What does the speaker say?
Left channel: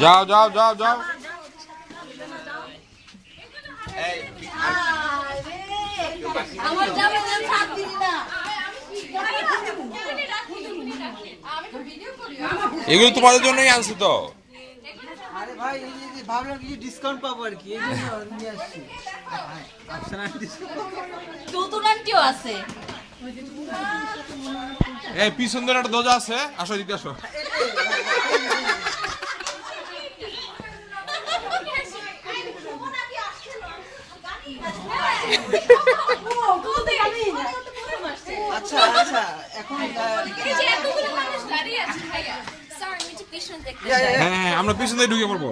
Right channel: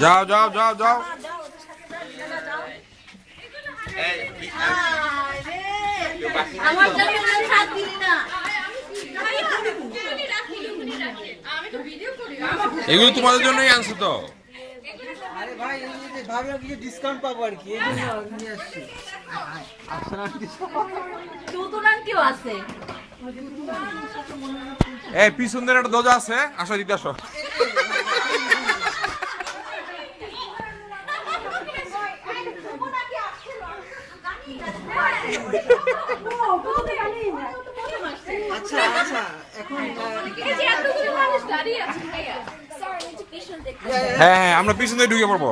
যাও যাও যাও যাও এগুলো তোমাদের জন্যই আনছি তো ডিসকাউন্ট পাবো আর কি নিয়ে আসছি আছে এই পিছন দিকে একটা দরজা আছে আসো দিতে আসো আচ্ছা আচ্ছা এখন হ্যাঁ হ্যাঁ আমরা পিছন দিয়ে ঢুকে পড়বো